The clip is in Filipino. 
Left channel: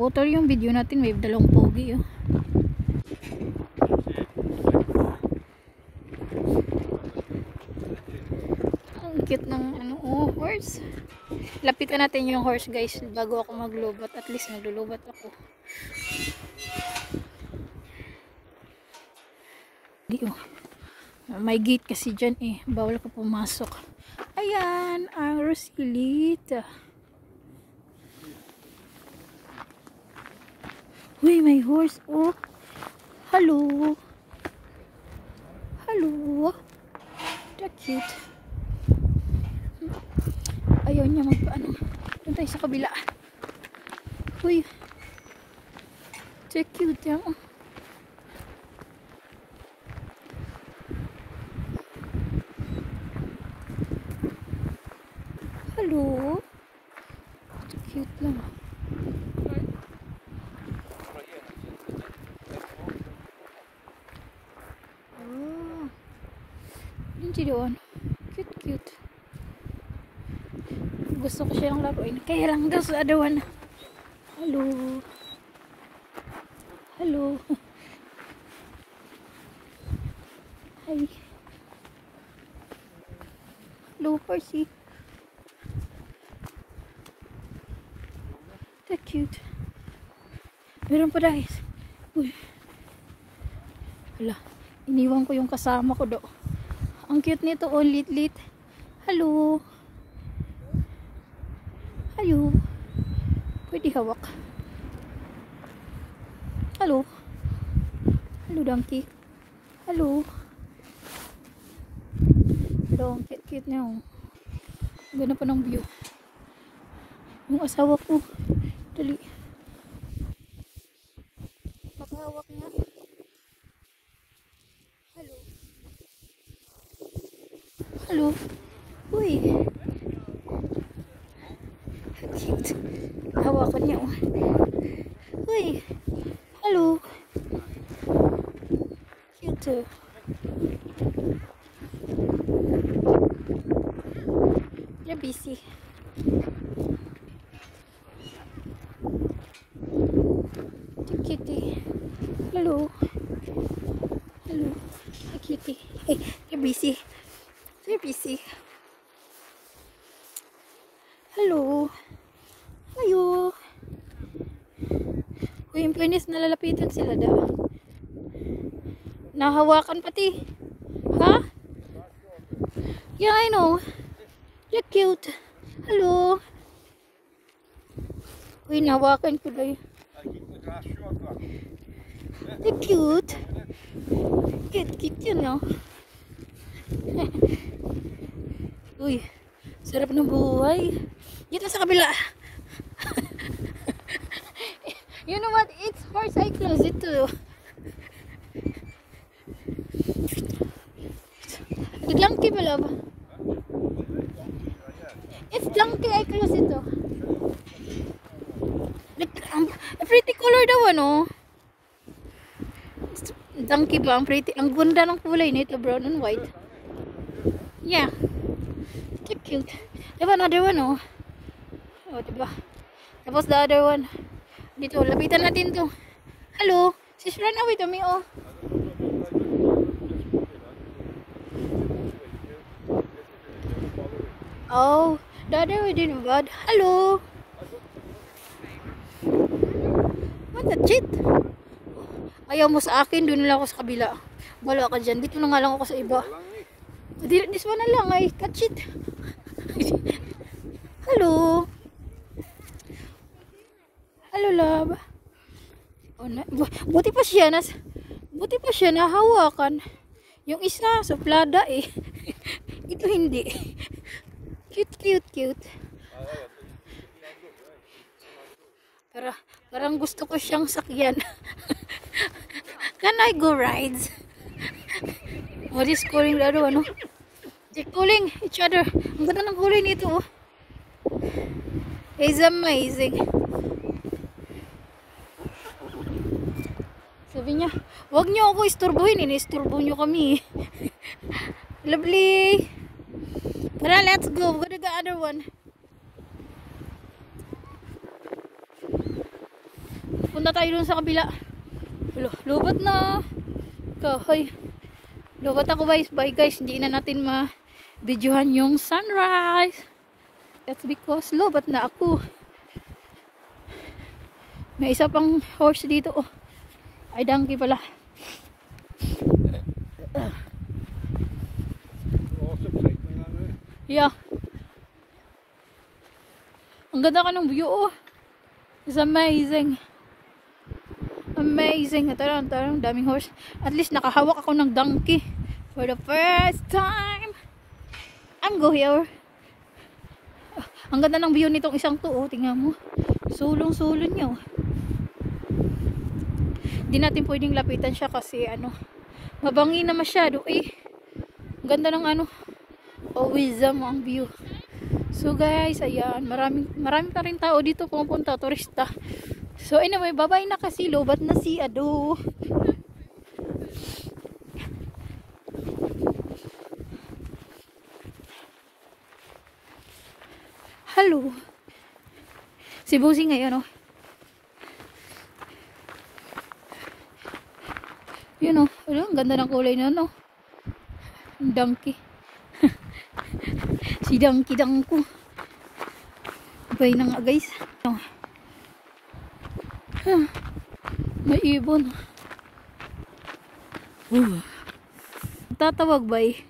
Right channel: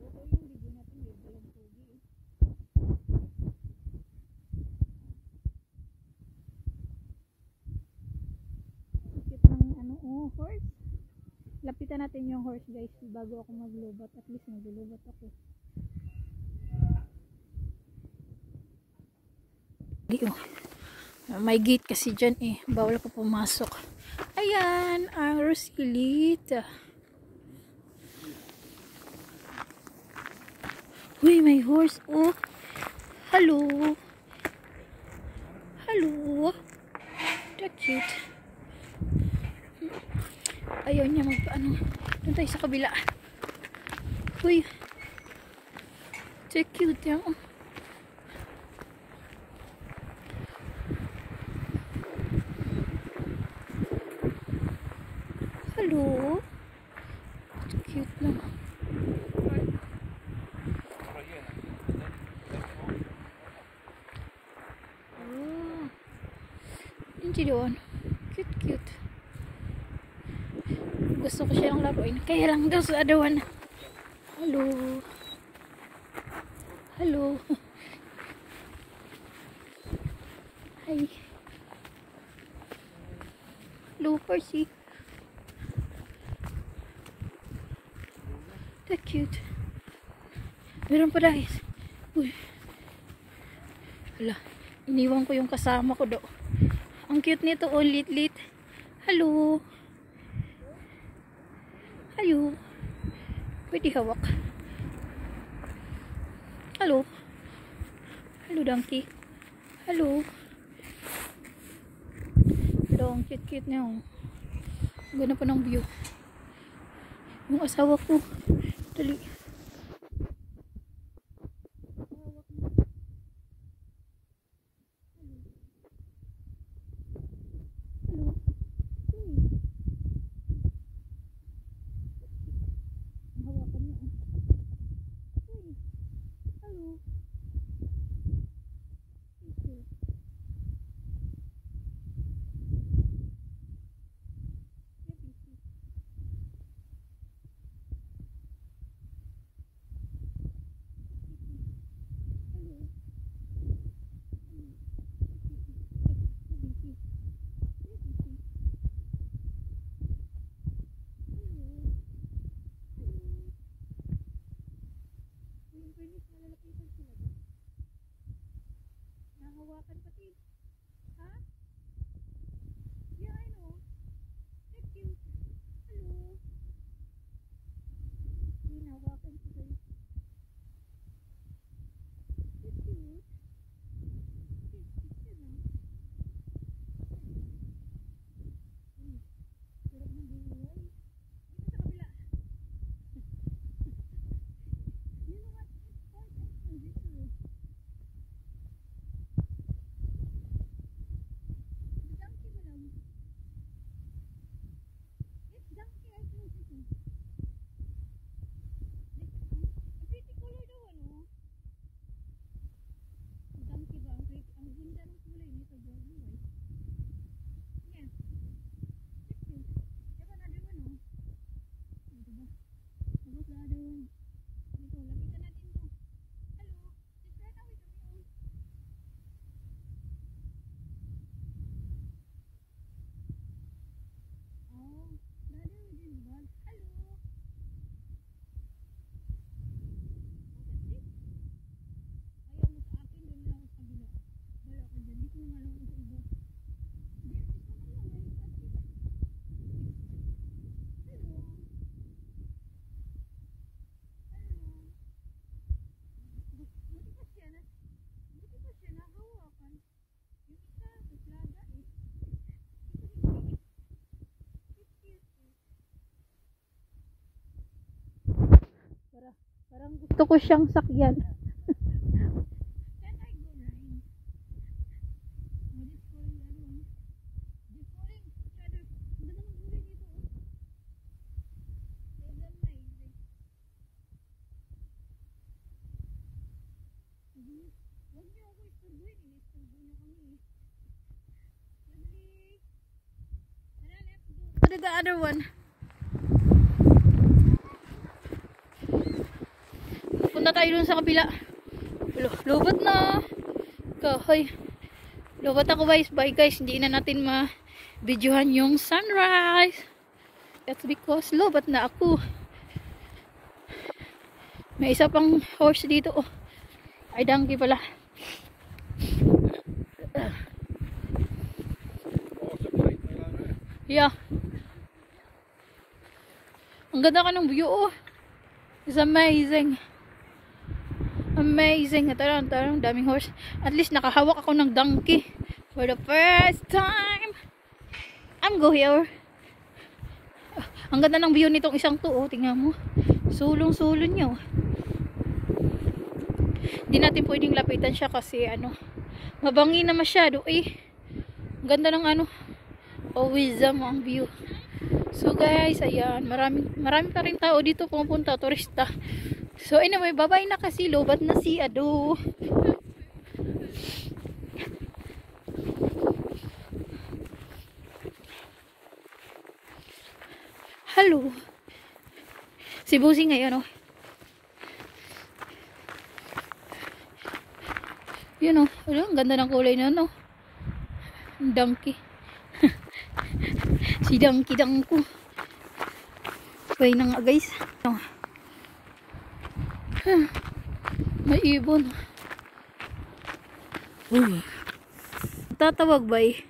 Water yung video natin, may dalawang pogi oh. Ang cute ng ano, oh, horse. Lapitan natin yung horse guys bago ako maglubat. At least naglulubat ako. May gate kasi dyan eh. Bawal ka pumasok. Ayan, ang Rosilita. Uy, may horse. Oh. Hello. Hello. That's cute. Ayaw niya magpaano. Doon tayo sa kabila. Uy. That's cute yan. Oh. Hello. That's cute lang. Hindi doon. Cute, cute. Gusto ko siyang laruin. Kaya lang daw sa adawan. Hello. Hello. Hi. Hello, Percy. That's cute. Meron pa guys. Uy. Hala. Iniwan ko yung kasama ko do. Ang cute nito, oh, lit-lit. Hello. Hello. Pwede hawak. Hello. Hello, donkey. Hello. Hello, ang cute-cute niya, oh. Ganda pa ng view. Yung asawa ko. Dali. Makahawak niya. Hello. Uy. Cute. Hawakan niya. Uy. Hello. Cute. You're busy. Kitty. Hello. Hello. Hi, kitty. Hey, you're busy. You're busy. Hello. Ayo. Uy, yung penis, nalalapitan sila daw. Nahawakan pati. Ha? Yeah, I know. You're cute. Hello. Uy, nahawakan ko daw. You're cute. Cute, cute yun, no? Uy, sarap ng buhay. Dito sa kabila. You know what? It's horse I close it too. Donkey ba love? It's donkey I close it too. Pretty color daw ano. Donkey ba? Ang pretty. Ang ganda ng kulay nito, brown and white. Yeah. Cute. Diba another one, oh. Oh, diba? Tapos the other one. Dito, lapitan natin to. Hello. She's run away to me, oh. Oh, the other way din bad. Hello. What a cheat. Ayaw mo sa akin, doon lang ako sa kabila. Wala ka dyan. Dito na nga lang ako sa iba. This one na lang ay catch it. Hello. Hello, love. Oh, buti pa siya nahawakan. Yung isa suplada eh. Ito hindi. Cute, cute, cute. Parang gusto ko siyang sakyan. Can I go rides? Oh, this calling the other one, no? They're calling each other. Ang ganda ng kulay nito, oh. It's amazing. Sabi niya, wag niyo ako isturbuhin. Inisturbo niyo kami. Lovely. Tara, let's go. We're gonna go other one. punta tayo dun sa kabila. Lubat na. Kahoy. Lubat ako guys. Bye guys. Hindi na natin ma-videohan yung sunrise. That's because lubat na ako. May isa pang horse dito. Oh. Ay, donkey pala. Yeah. Ang ganda ka ng view. Oh. It's amazing. Amazing. Tarang, daming horse. At least nakahawak ako ng donkey. For the first time. I'm go here. Ang ganda ng view nitong isang to. Oh, tingnan mo. Sulong-sulong niya. Oh. Hindi natin pwedeng lapitan siya kasi ano. Mabangi na masyado. Eh. Ang ganda ng ano. Always ang view. So guys, ayan, marami pa rin tao dito pumupunta, turista. So anyway, bye-bye na kasi lobat na si Ado. Hello. Si Busi ngayon, oh. Yun, oh. Ang ganda ng kulay na, no? Donkey. Si donkey ko. Abay na nga guys. May ibon. Tatawag ba eh?